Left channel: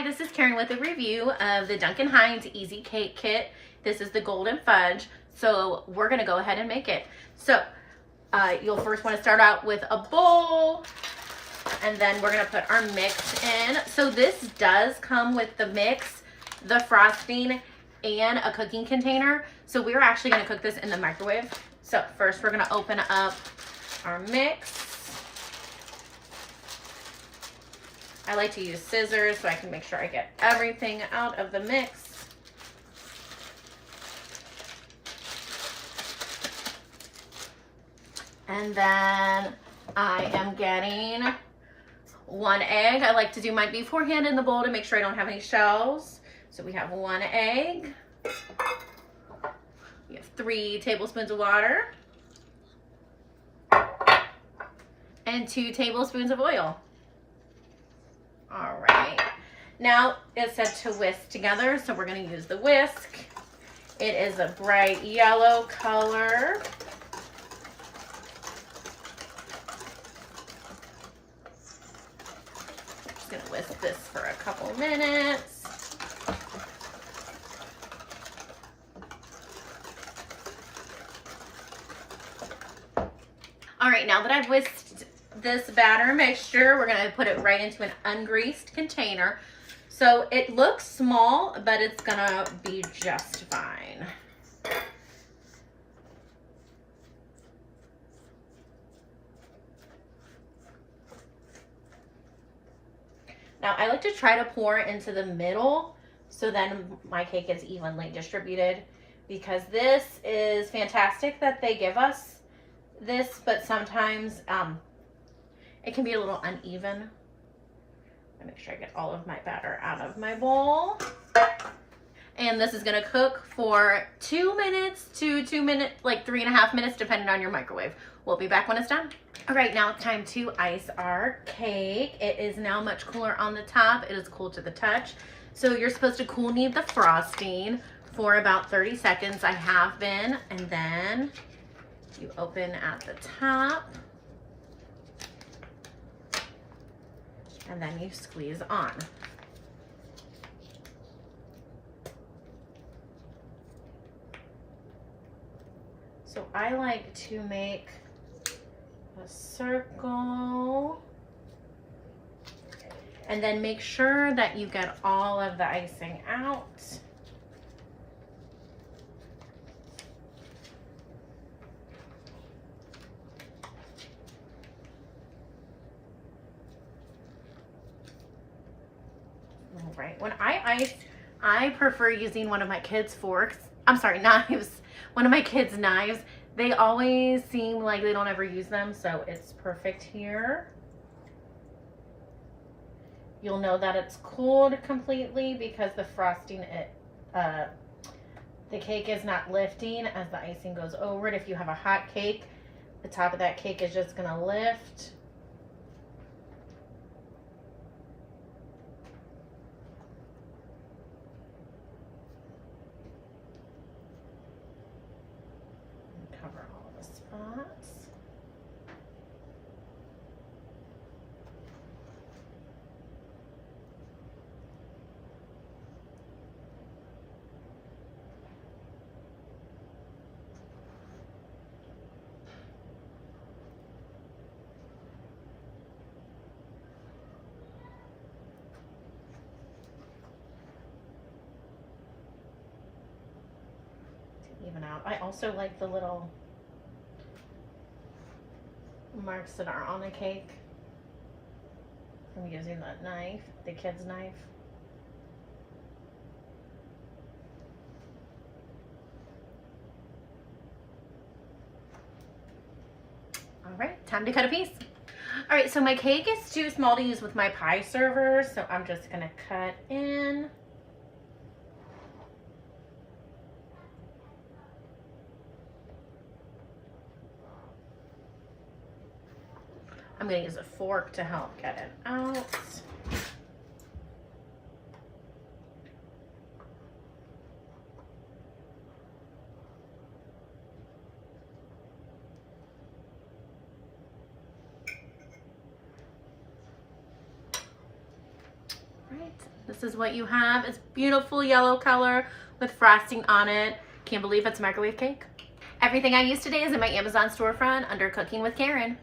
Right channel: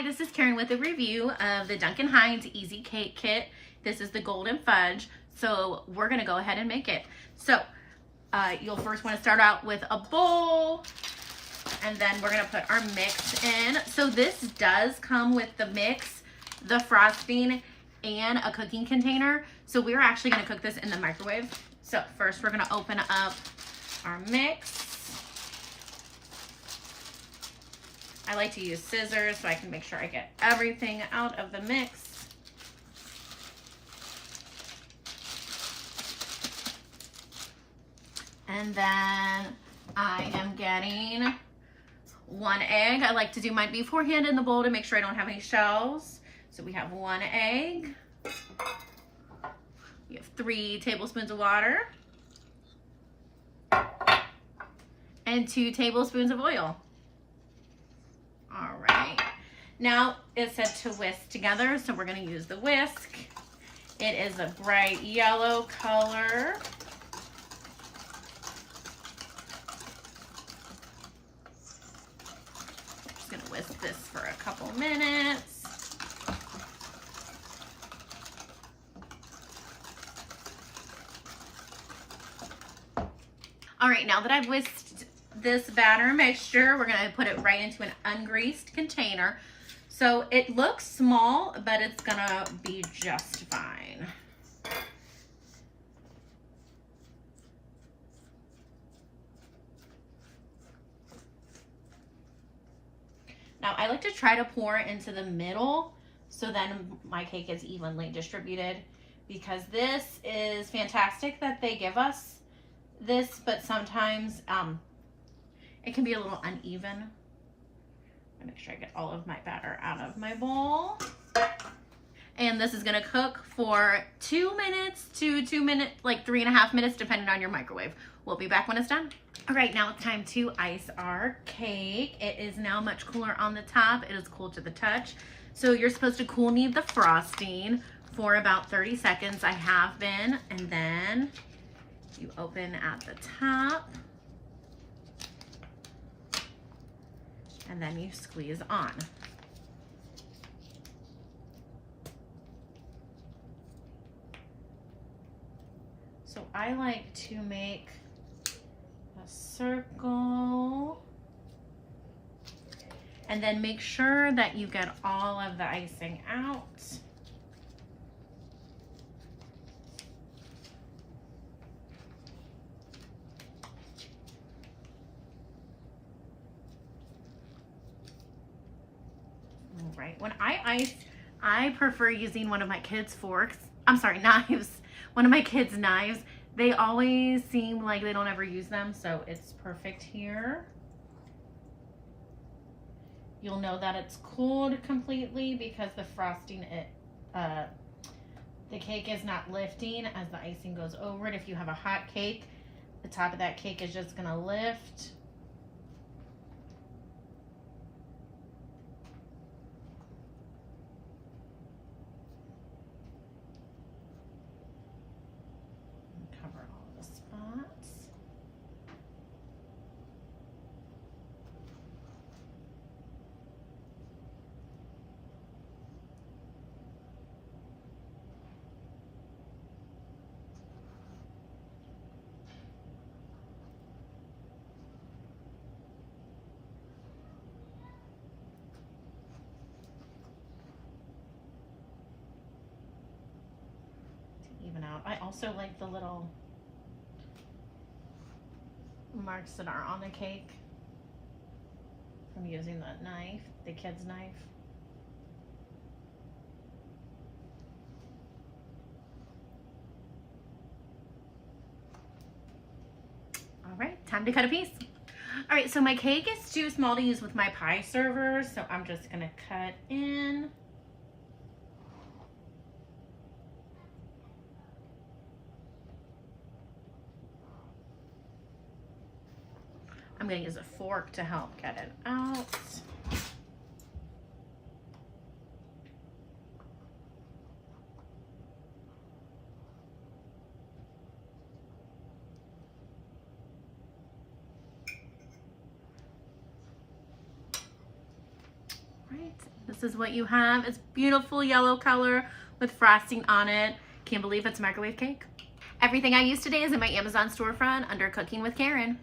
Hi, this is Karen with a review of the Duncan Hines Easy Cake Kit. This is the golden fudge, so we're gonna go ahead and make it. So you'll first want to start out with a bowl, and then we're gonna put our mix in. So this does come with the mix, the frosting, and a cooking container. So we're actually gonna cook this in the microwave. So first we're gonna open up our mix. I like to use scissors so I can make sure I get everything out of the mix. And then I am getting 1 egg. I like to do mine beforehand in the bowl to make sure I don't have any shells. So we have 1 egg. We have 3 tablespoons of water. And 2 tablespoons of oil. All right, now it said to whisk together, so we're gonna use the whisk. It is a bright yellow color. Just gonna whisk this for a couple minutes. All right, now that I've whisked this batter mixture, we're gonna put it right into an ungreased container. So it looks small, but it's gonna be just fine. Now I like to try to pour into the middle so then my cake is evenly distributed, because this is fantastic that they give us this, but sometimes it can be a little uneven. I make sure I get all of my batter out of my bowl. And this is gonna cook for 2 minutes to 2 minutes, like 3.5 minutes, depending on your microwave. We'll be back when it's done. All right, now it's time to ice our cake. It is now much cooler on the top. It is cool to the touch. So you're supposed to cool knead the frosting for about 30 seconds. I have been, and then you open at the top. And then you squeeze on. So I like to make a circle and then make sure that you get all of the icing out. Right. When I ice, I prefer using one of my kids' forks. I'm sorry, knives. One of my kids' knives. They always seem like they don't ever use them, so it's perfect here. You'll know that it's cooled completely because the frosting, the cake is not lifting as the icing goes over it. If you have a hot cake, the top of that cake is just gonna lift. Cover all the spots. To even out. I also like the little marks that are on the cake from using that knife, the kid's knife. All right, time to cut a piece. All right, so my cake is too small to use with my pie server, so I'm just gonna cut in. I'm gonna use a fork to help get it out. This is what you have. It's beautiful yellow color with frosting on it. Can't believe it's a microwave cake. Everything I used today is in my Amazon storefront under Cooking with Karen.